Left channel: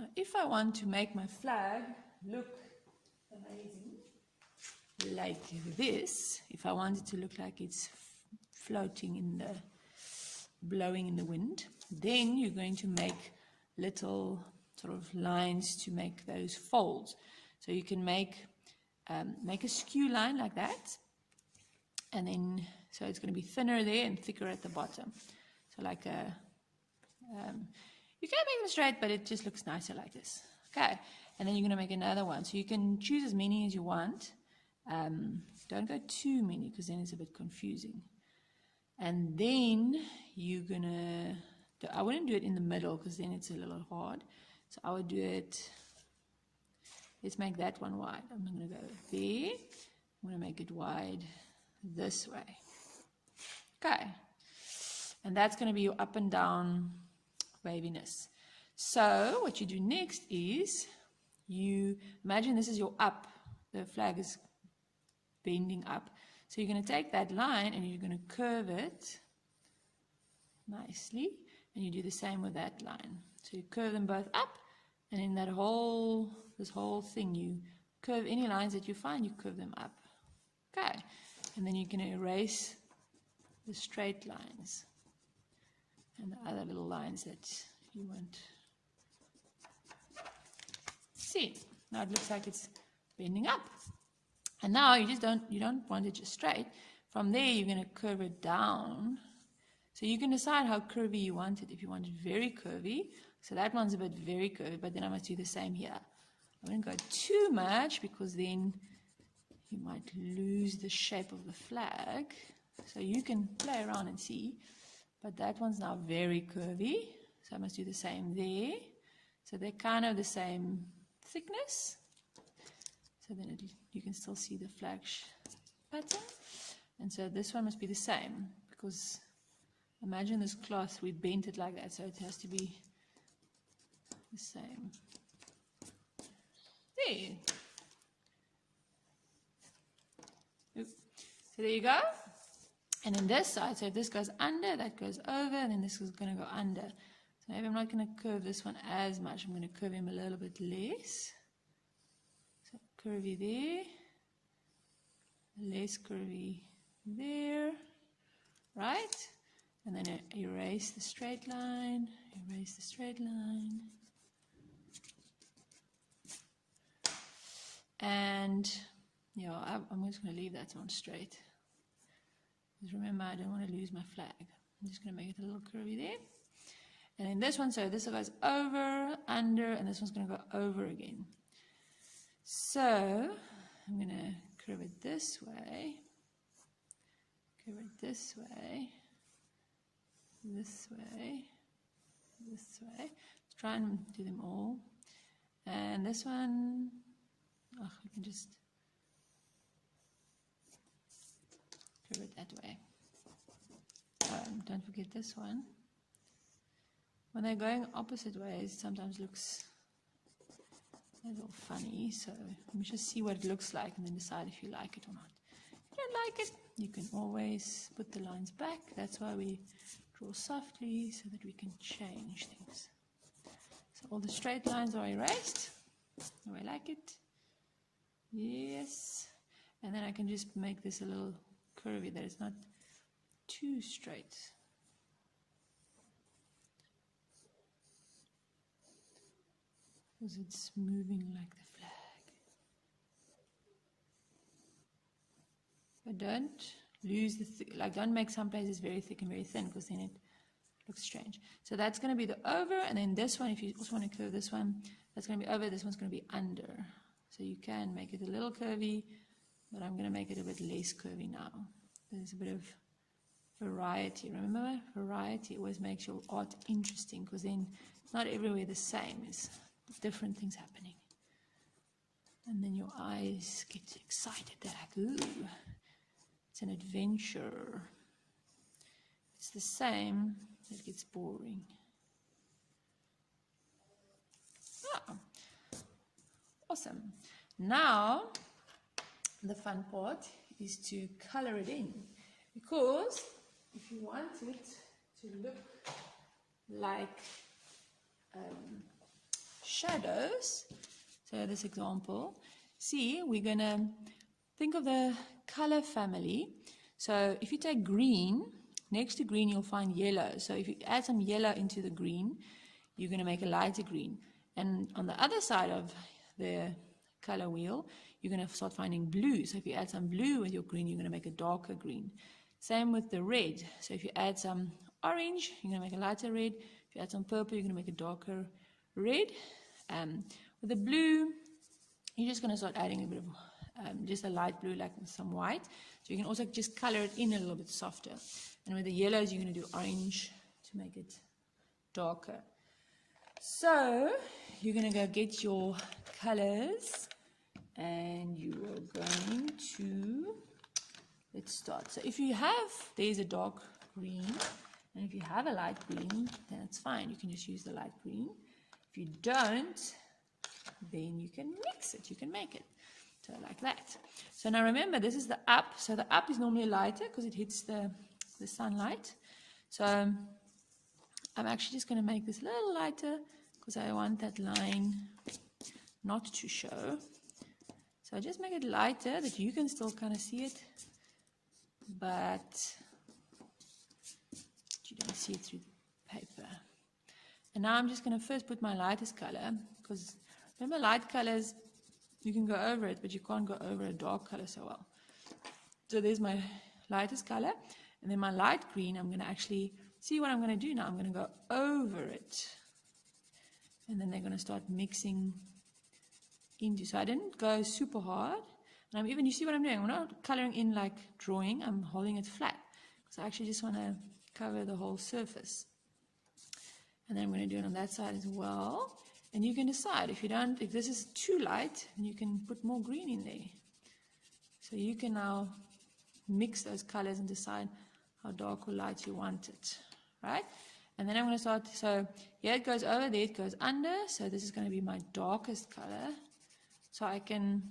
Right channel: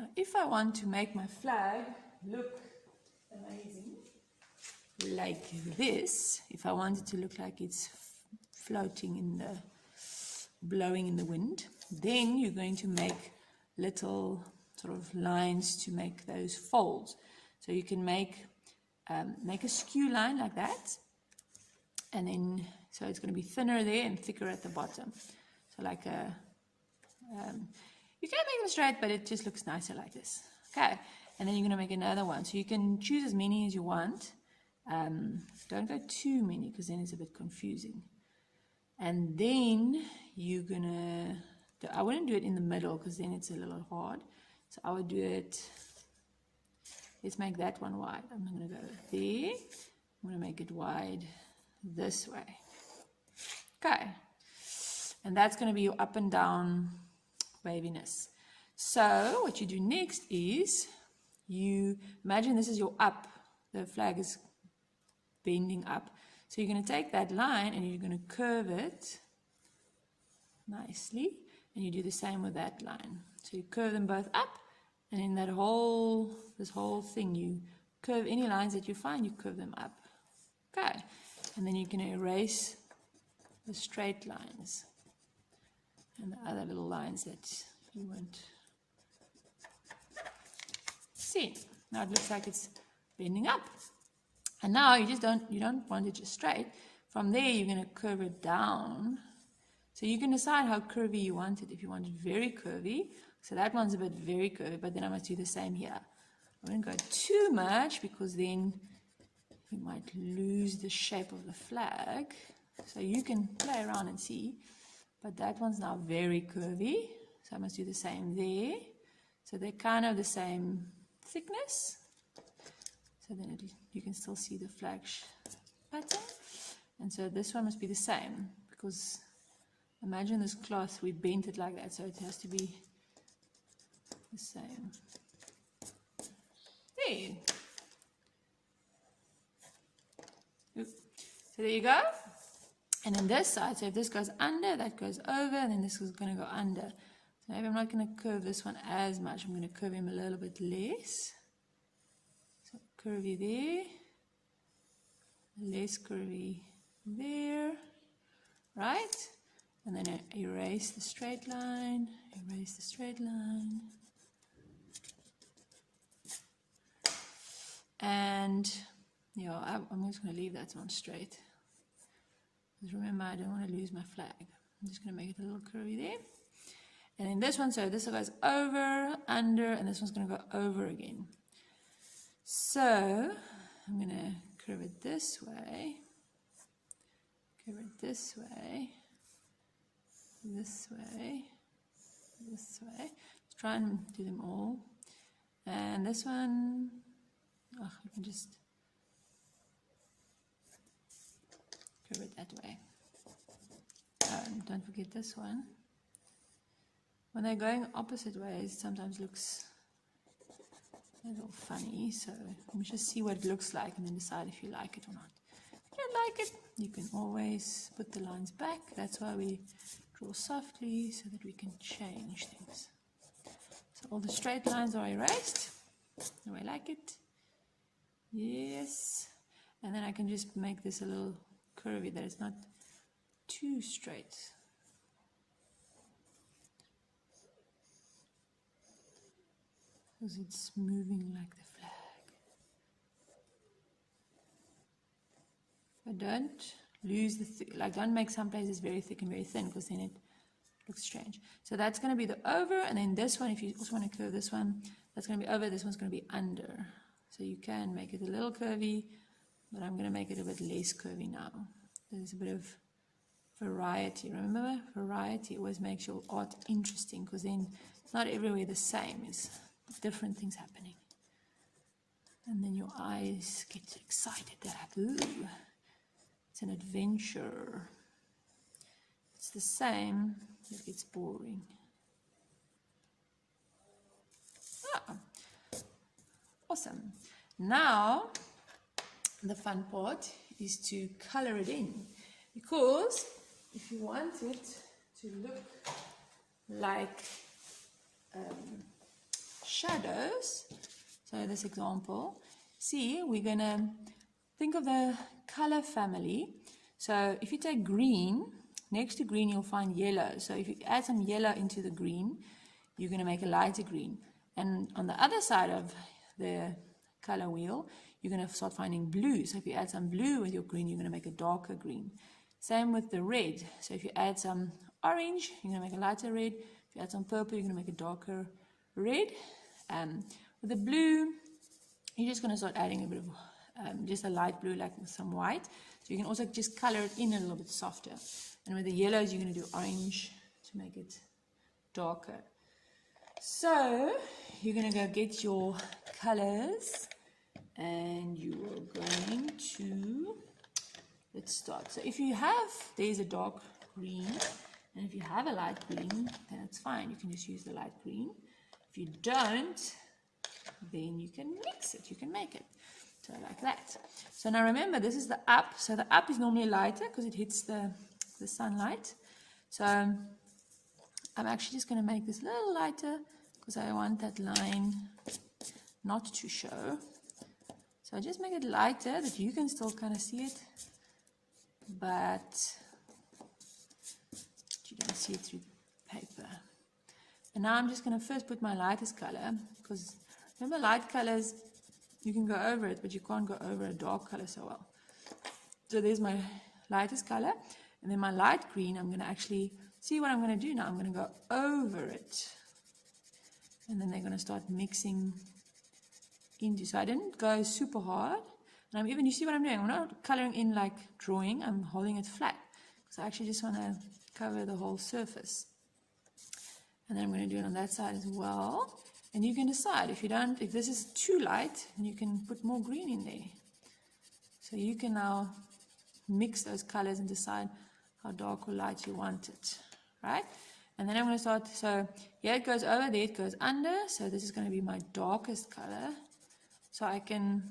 Now, if I want to make my flag look amazing, like this, if I want it to look like it's floating in the, blowing in the wind, then you're going to make little sort of lines to make those folds. So you can make a skew line like that, and then so it's going to be thinner there and thicker at the bottom. So like a, you can make them straight, but it just looks nicer like this. Okay, and then you're going to make another one. So you can choose as many as you want. Don't go too many because then it's a bit confusing. And then you're going to, I wouldn't do it in the middle because then it's a little hard. So I would do it, let's make that one wide. I'm going to go there. I'm going to make it wide this way. Okay. And that's going to be your up and down waviness. So what you do next is you imagine this is your up. The flag is bending up. So you're going to take that line and you're going to curve it nicely. And you do the same with that line. So you curve them both up. And in that this whole thing, you curve any lines that you find, you curve them up. Okay. And then you're going to erase the straight lines and the other little lines that you won't see. Now it looks like it's bending up. And now you don't want it just straight. From there, you're going to curve it down. So you can decide how curvy you want it. If you want it very curvy, so that one's a bit very curvy, but then I must do the same here. I won't go too much because then you might lose the shape of the flag. So you can play around and see. But that one's now very curvy. So I must do the same there. So they're kind of the same thickness. So then you can still see the flag pattern. And so this one must be the same because imagine this cloth, we bent it like that. So it has to be the same. There. So there you go. And then this side, so if this goes under, that goes over, and then this is going to go under. So maybe I'm not going to curve this one as much. I'm going to curve him a little bit less. So curvy there, less curvy there, right? And then erase the straight line, erase the straight line. And yeah, I'm just going to leave that one straight. Because remember, I don't want to lose my flag. I'm just going to make it a little curvy there. And in this one, so this one goes over, under, and this one's going to go over again. So I'm going to curve it this way, curve it this way, this way, this way. Let's try and do them all. And this one, oh, we can just curve it that way. Don't forget this one. When they're going opposite ways, it sometimes looks a little funny. So let me just see what it looks like and then decide if you like it or not. If you don't like it, you can always put the lines back. That's why we draw softly so that we can change things. So all the straight lines are erased. Do I like it? Yes. And then I can just make this a little curvy, that it's not too straight. Because it's moving like the flag. But don't lose the like don't make some places very thick and very thin because then it looks strange. So that's going to be the over, and then this one, if you also want to curve this one, that's going to be over, this one's going to be under. So you can make it a little curvy, but I'm going to make it a bit less curvy now. There's a bit of variety. Remember, variety always makes your art interesting because then it's not everywhere the same. It's different things happening. And then your eyes get excited. They're like, ooh, it's an adventure. It's the same, it gets boring. Ah, awesome. Now, the fun part is to color it in. Because if you want it to look like shadows, so this example, see, we're going to think of the color family. So if you take green, next to green you'll find yellow. So if you add some yellow into the green, you're going to make a lighter green. And on the other side of the color wheel, you're going to start finding blue. So if you add some blue with your green, you're going to make a darker green. Same with the red. So if you add some orange, you're going to make a lighter red. If you add some purple, you're going to make a darker red. With the blue, you're just going to start adding a bit of just a light blue, like with some white. So you can also just color it in a little bit softer. And with the yellows, you're going to do orange to make it darker. So you're going to go get your colors, and you are going to, let's start. So if you have, there's a dark green, and if you have a light green, then it's fine. You can just use the light green. If you don't, then you can mix it, you can make it. So like that. So now remember, this is the up. So the up is normally lighter because it hits the sunlight. So I'm actually just going to make this a little lighter because I want that line not to show. So I just make it lighter that you can still kind of see it, but you don't see it through the paper. And now I'm just going to first put my lightest color, because remember, light colors, you can go over it, but you can't go over a dark color so well. So there's my lightest color, and then my light green, I'm going to actually see what I'm going to do now. I'm going to go over it, and then they're going to start mixing into. So I didn't go super hard, and I'm even, you see what I'm doing? I'm not coloring in like drawing, I'm holding it flat, because I actually just want to cover the whole surface. And then I'm going to do it on that side as well. And you can decide, if this is too light, then you can put more green in there. So you can now mix those colors and decide how dark or light you want it, right? And then I'm going to start, so here it goes over, there it goes under. So this is going to be my darkest color. So I can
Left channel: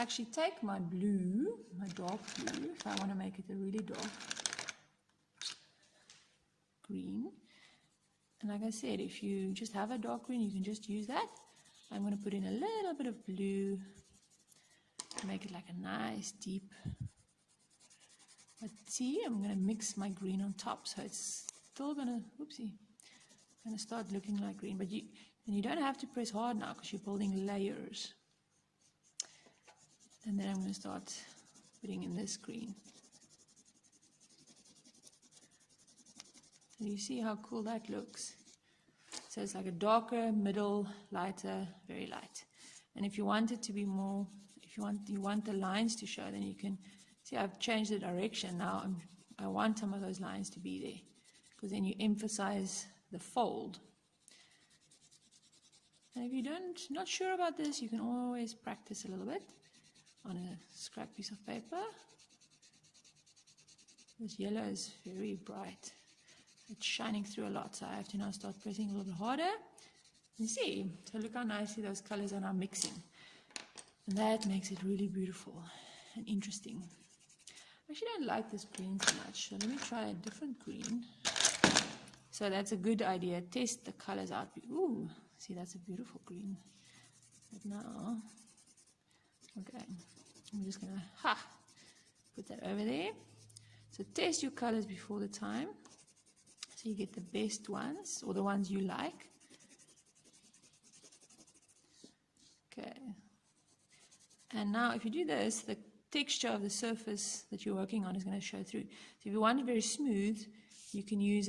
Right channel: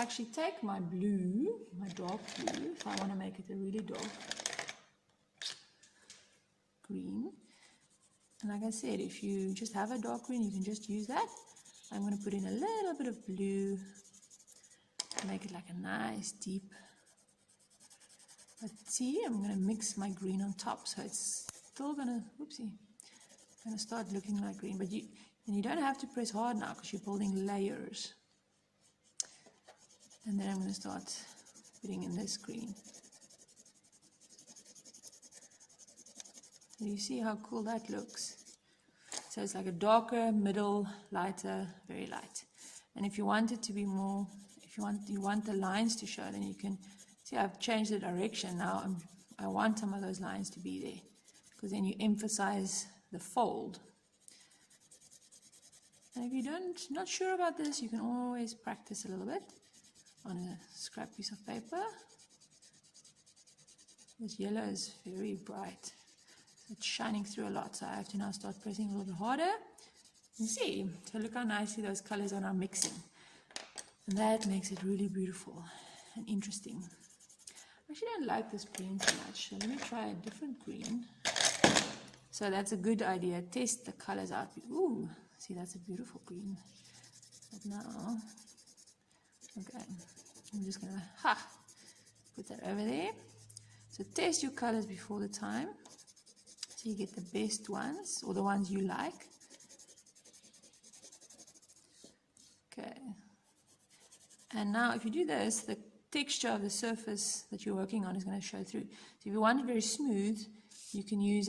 actually take my blue, my dark blue, if I want to make it a really dark green. And like I said, if you just have a dark green, you can just use that. I'm going to put in a little bit of blue to make it like a nice deep. But see, I'm going to mix my green on top, so it's still going to, going to start looking like green. But you don't have to press hard now because you're building layers. And then I'm going to start putting in this green. And you see how cool that looks. So it's like a darker, middle, lighter, very light. And if you want it to be more, if you want the lines to show, then you can see I've changed the direction now. I want some of those lines to be there, because then you emphasize the fold. And if you're not sure about this, you can always practice a little bit on a scrap piece of paper. This yellow is very bright. It's shining through a lot, so I have to now start pressing a little bit harder. You see, so look how nicely those colors are now mixing. And that makes it really beautiful and interesting. I actually don't like this green so much, so let me try a different green. So that's a good idea. Test the colors out. Ooh, see, that's a beautiful green. But now, okay, I'm just gonna put that over there. So test your colors before the time, so you get the best ones, or the ones you like. Okay. And now if you do this, the texture of the surface that you're working on is going to show through. So if you want it very smooth, you can use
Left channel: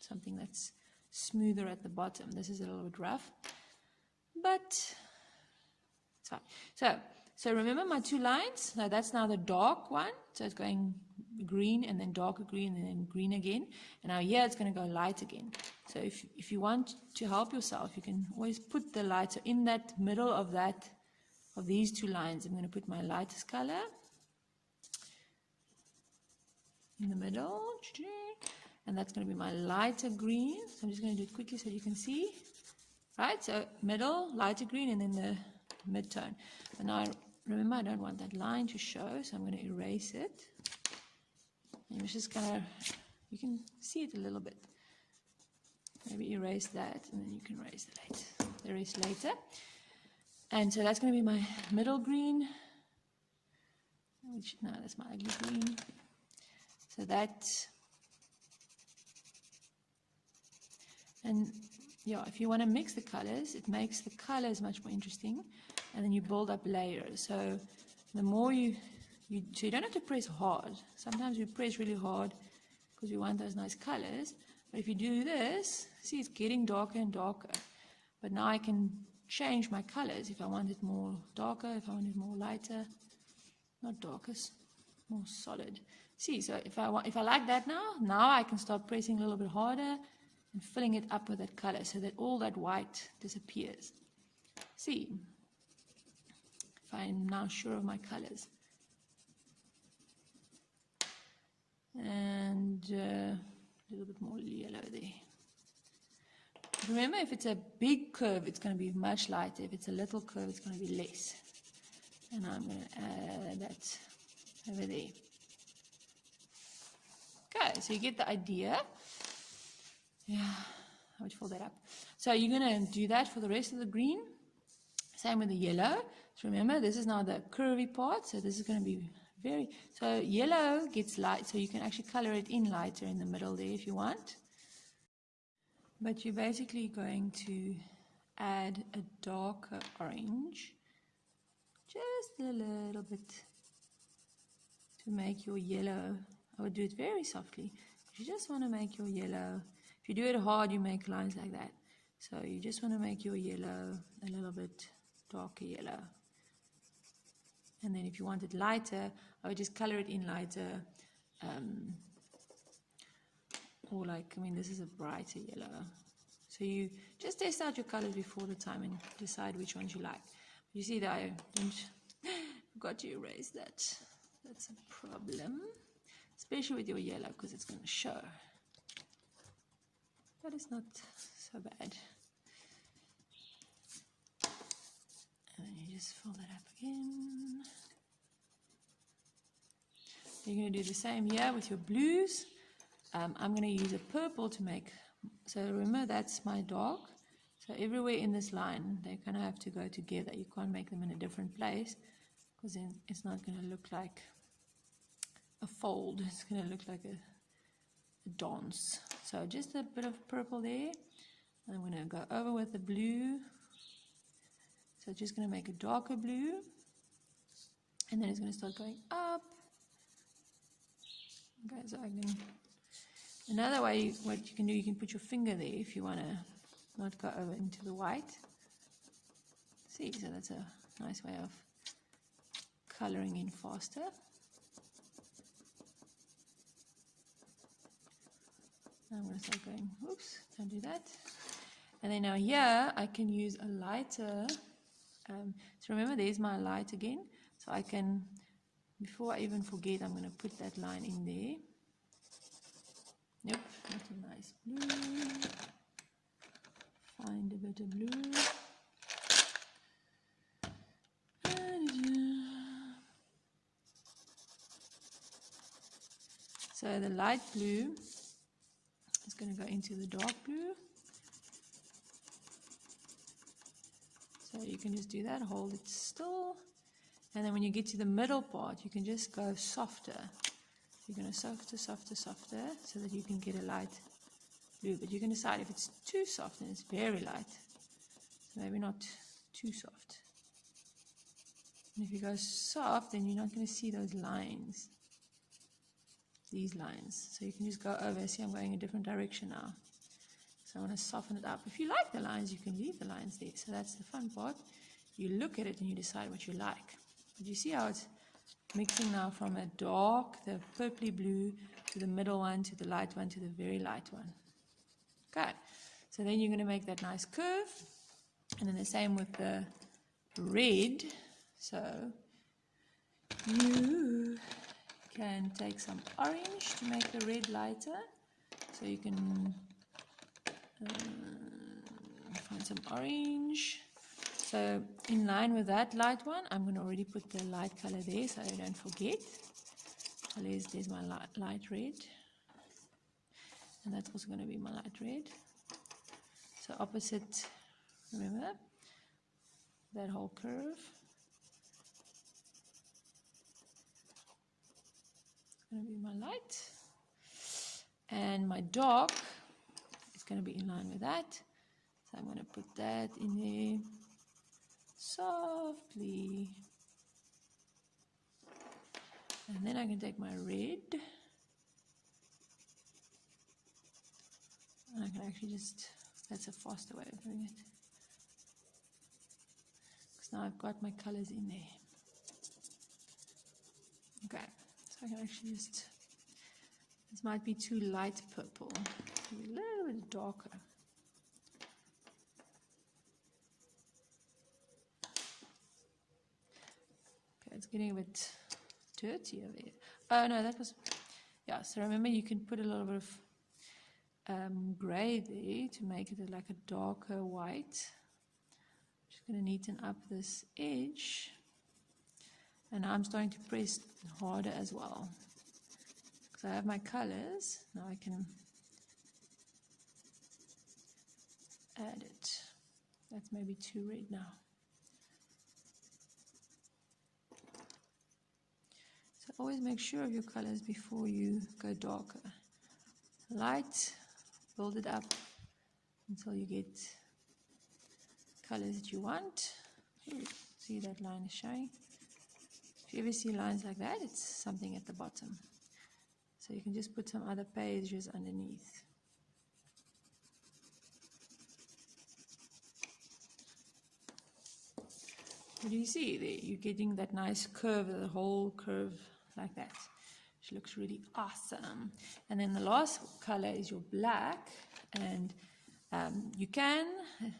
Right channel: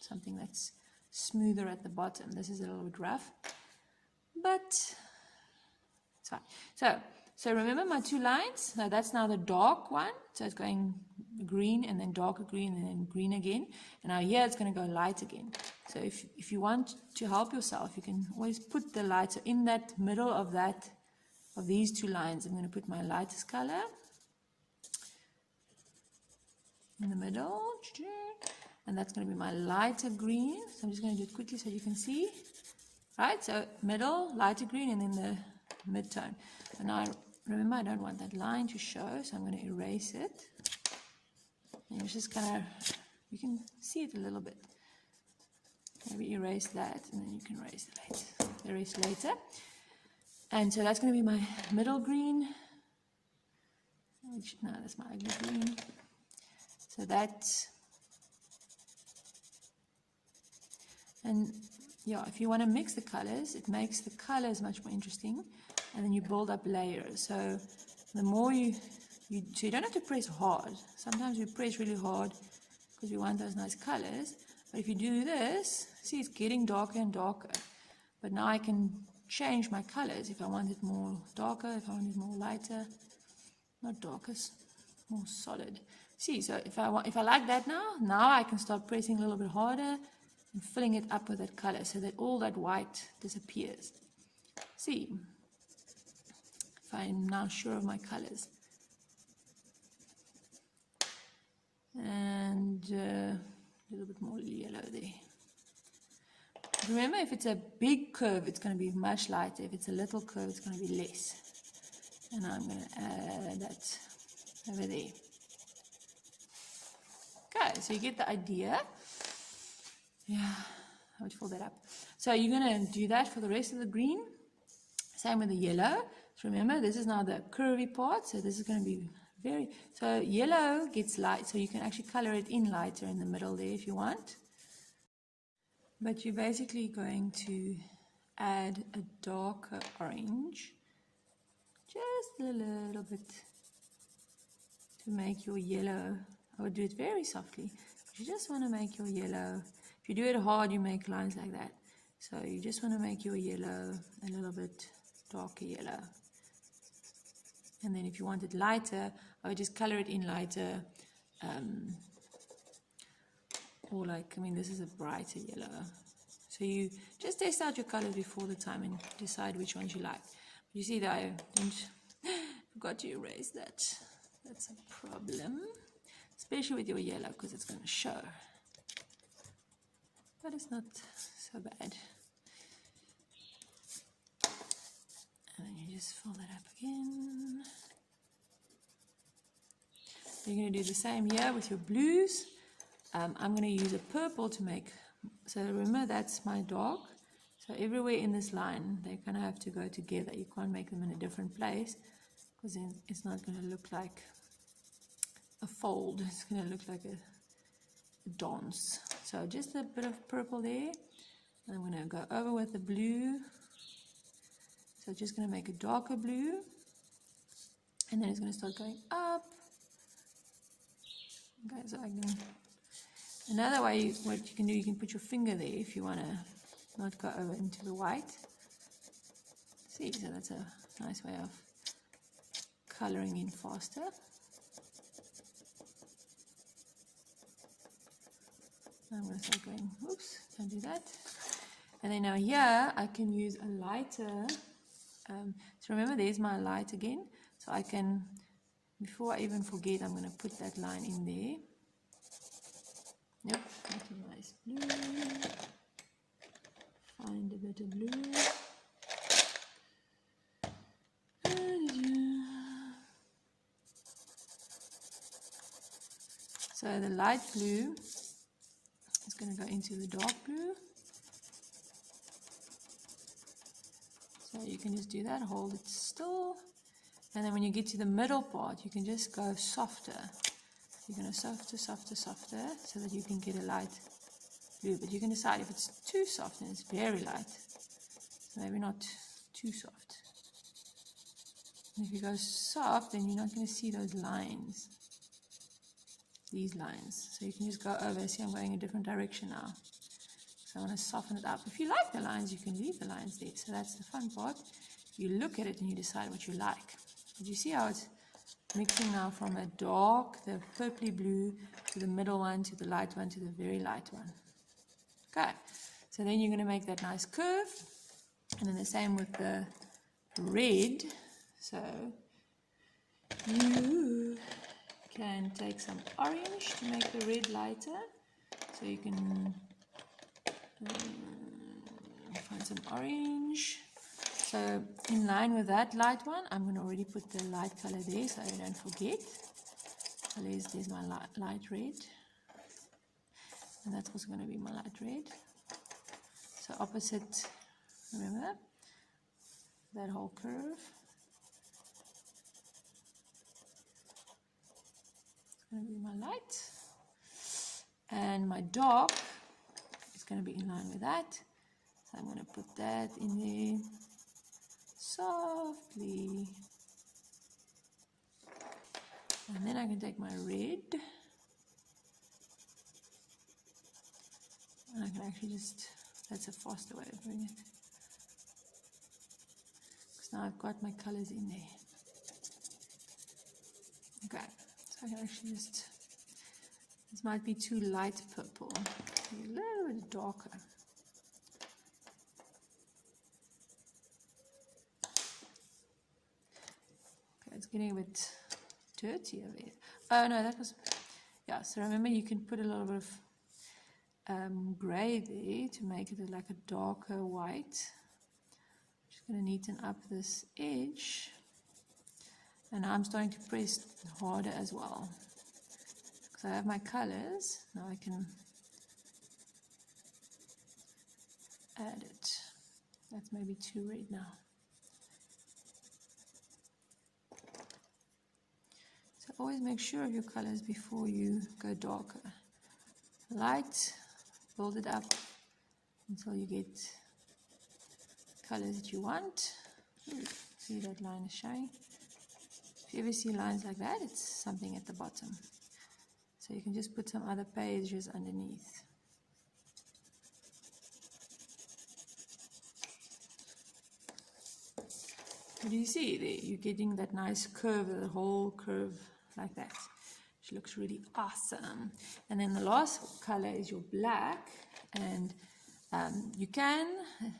something that's smoother at the bottom. This is a little bit rough, but it's fine. So remember my two lines? Now that's now the dark one. So it's going green and then darker green and then green again. And now here it's going to go light again. So if you want to help yourself, you can always put the light. So in that middle of these two lines, I'm going to put my lightest color in the middle. And that's going to be my lighter green. So I'm just going to do it quickly so you can see. Right, so middle, lighter green, and then the mid-tone. And now remember, I don't want that line to show, so I'm going to erase it. And it's just kind of, you can see it a little bit. maybe erase that, and then you can erase later. And so that's going to be my middle green, which, no, that's my ugly green. So that's, and yeah, if you want to mix the colors, it makes the colors much more interesting, and then you build up layers. So the more so you don't have to press hard. Sometimes we press really hard because we want those nice colors. But if you do this, see, it's getting darker and darker. But now I can change my colors if I want it more darker, if I want it more lighter, not darker, more solid. See, so if I like that now I can start pressing a little bit harder and filling it up with that color so that all that white disappears. See, if I'm now sure of my colors. And a little bit more yellow there. Remember, if it's a big curve, it's going to be much lighter. If it's a little curve, it's going to be less. And I'm going to add that over there. Okay, so you get the idea. Yeah, I would fill that up. So you're going to do that for the rest of the green. Same with the yellow. So remember, this is now the curvy part. So this is going to be so yellow gets light. So you can actually color it in lighter in the middle there if you want. But you're basically going to add a darker orange, just a little bit, to make your yellow. I would do it very softly. You just want to make your yellow. If you do it hard, you make lines like that. So you just want to make your yellow a little bit darker yellow. And then if you want it lighter, I would just color it in lighter. Or like, I mean, this is a brighter yellow. So you just test out your colors before the time and decide which ones you like. You see that I forgot to erase that. That's a problem. Especially with your yellow, because it's going to show. But it's not so bad. And then you just fill that up again. You're going to do the same here with your blues. I'm going to use a purple to make, so remember that's my dark. So everywhere in this line, they're going to have to go together. You can't make them in a different place because then it's not going to look like a fold. It's going to look like a dance. So just a bit of purple there. I'm going to go over with the blue. So just going to make a darker blue. And then it's going to start going up. Okay, so I can, another way, what you can do, you can put your finger there if you want to not go over into the white. See, so that's a nice way of coloring in faster. I'm going to start going, oops, don't do that. And then now here, I can use a lighter. So remember, there's my light again. So I can, before I even forget, I'm going to put that line in there. Yep, that's a nice blue. Find a bit of blue. So the light blue is going to go into the dark blue. So you can just do that, hold it still. And then when you get to the middle part, you can just go softer. You're going to softer, softer, softer, so that you can get a light blue. But you can decide if it's too soft and it's very light. So maybe not too soft. And if you go soft, then you're not going to see those lines. These lines. So you can just go over. See, I'm going a different direction now. So I want to soften it up. If you like the lines, you can leave the lines there. So that's the fun part. You look at it and you decide what you like. But you see how it's mixing now from a dark, the purpley blue, to the middle one, to the light one, to the very light one. Okay. So then you're going to make that nice curve. And then the same with the red. So you can take some orange to make the red lighter. So you can find some orange. So in line with that light one, I'm going to already put the light color there so I don't forget. So there's my light red. And that's also going to be my light red. So opposite, remember that whole curve. Going to be my light, and my dark is going to be in line with that. So I'm going to put that in there softly, and then I can take my red, and I can actually just, that's a faster way of doing it, because now I've got my colors in there. Okay, so I can actually just, this might be too light purple, maybe a little bit darker. Okay, it's getting a bit dirty over here. Oh no, that was, yeah, so remember you can put a little bit of grey there to make it like a darker white. Just going to neaten up this edge, and now I'm starting to press harder as well because I have my colors. Now I can add it. That's maybe too red now. So always make sure of your colors before you go darker. Light, build it up until you get colors that you want. See that line is showing? If you ever see lines like that, it's something at the bottom. So you can just put some other pages underneath. Do you see there? You're getting that nice curve, the whole curve like that. Which looks really awesome. And then the last color is your black, and you can,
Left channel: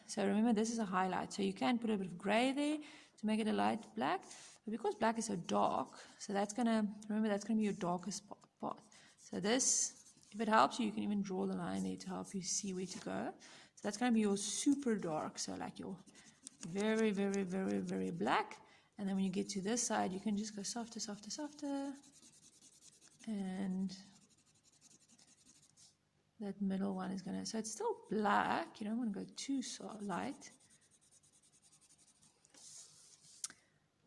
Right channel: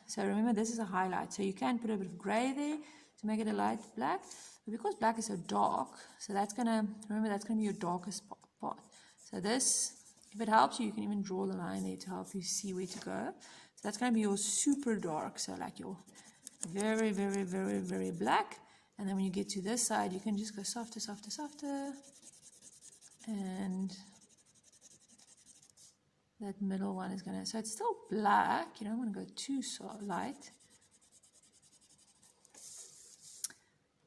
so remember this is a highlight, so you can put a bit of gray there to make it a light black, but because black is so dark, so that's gonna, remember that's gonna be your darkest part. So this, if it helps you, you can even draw the line there to help you see where to go. So that's gonna be your super dark, so like your very, very, very, very black, and then when you get to this side, you can just go softer, softer, softer, and that middle one is gonna, so it's still black, you don't want to go too soft, light,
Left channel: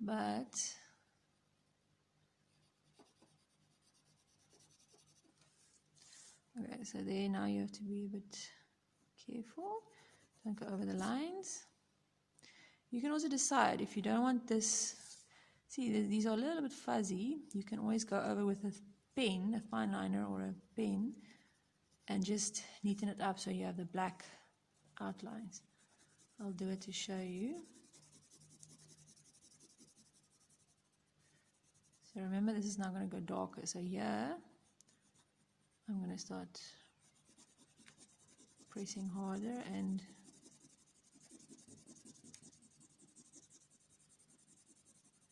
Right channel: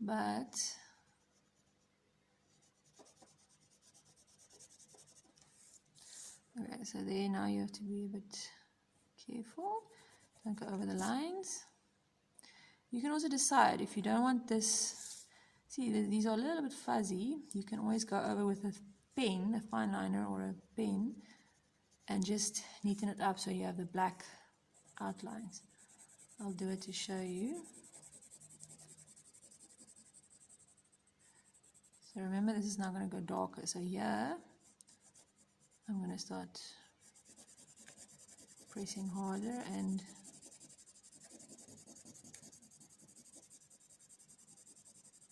but okay, so there now you have to be a bit careful, don't go over the lines. You can also decide if you don't want this, see these are a little bit fuzzy, you can always go over with a pen, a fine liner or a pen, and just neaten it up so you have the black outlines. I'll do it to show you. So remember, this is now going to go darker. So here, I'm going to start pressing harder, and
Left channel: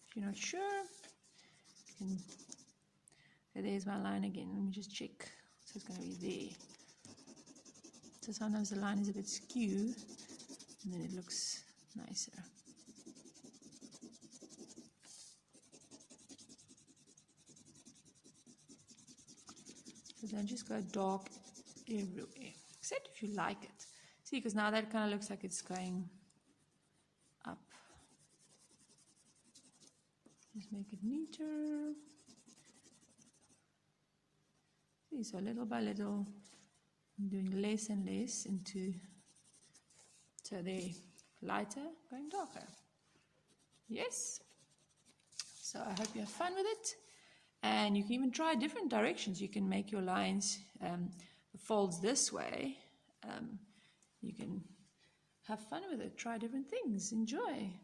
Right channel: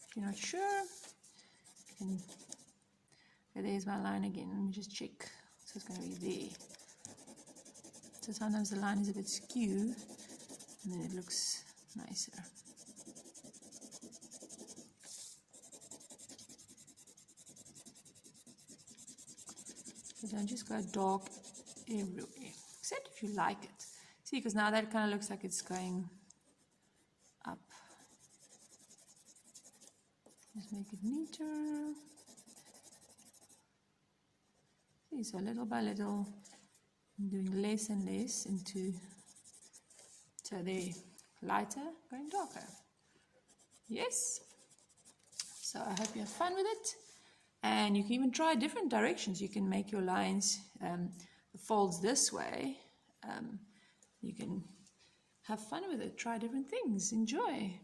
if you're not sure, you can, so there's my line again. Let me just check. So it's going to be there. So sometimes the line is a bit skewed, and then it looks nicer. So don't just go dark everywhere, except if you like it. See, because now that kind of looks like it's going up. Just make it neater. See, so little by little, I'm doing less and less into, so they're lighter, going darker. Yes? So I hope you have fun with it. And you can even try different directions. You can make your lines folds this way. You can have fun with it. Try different things. Enjoy.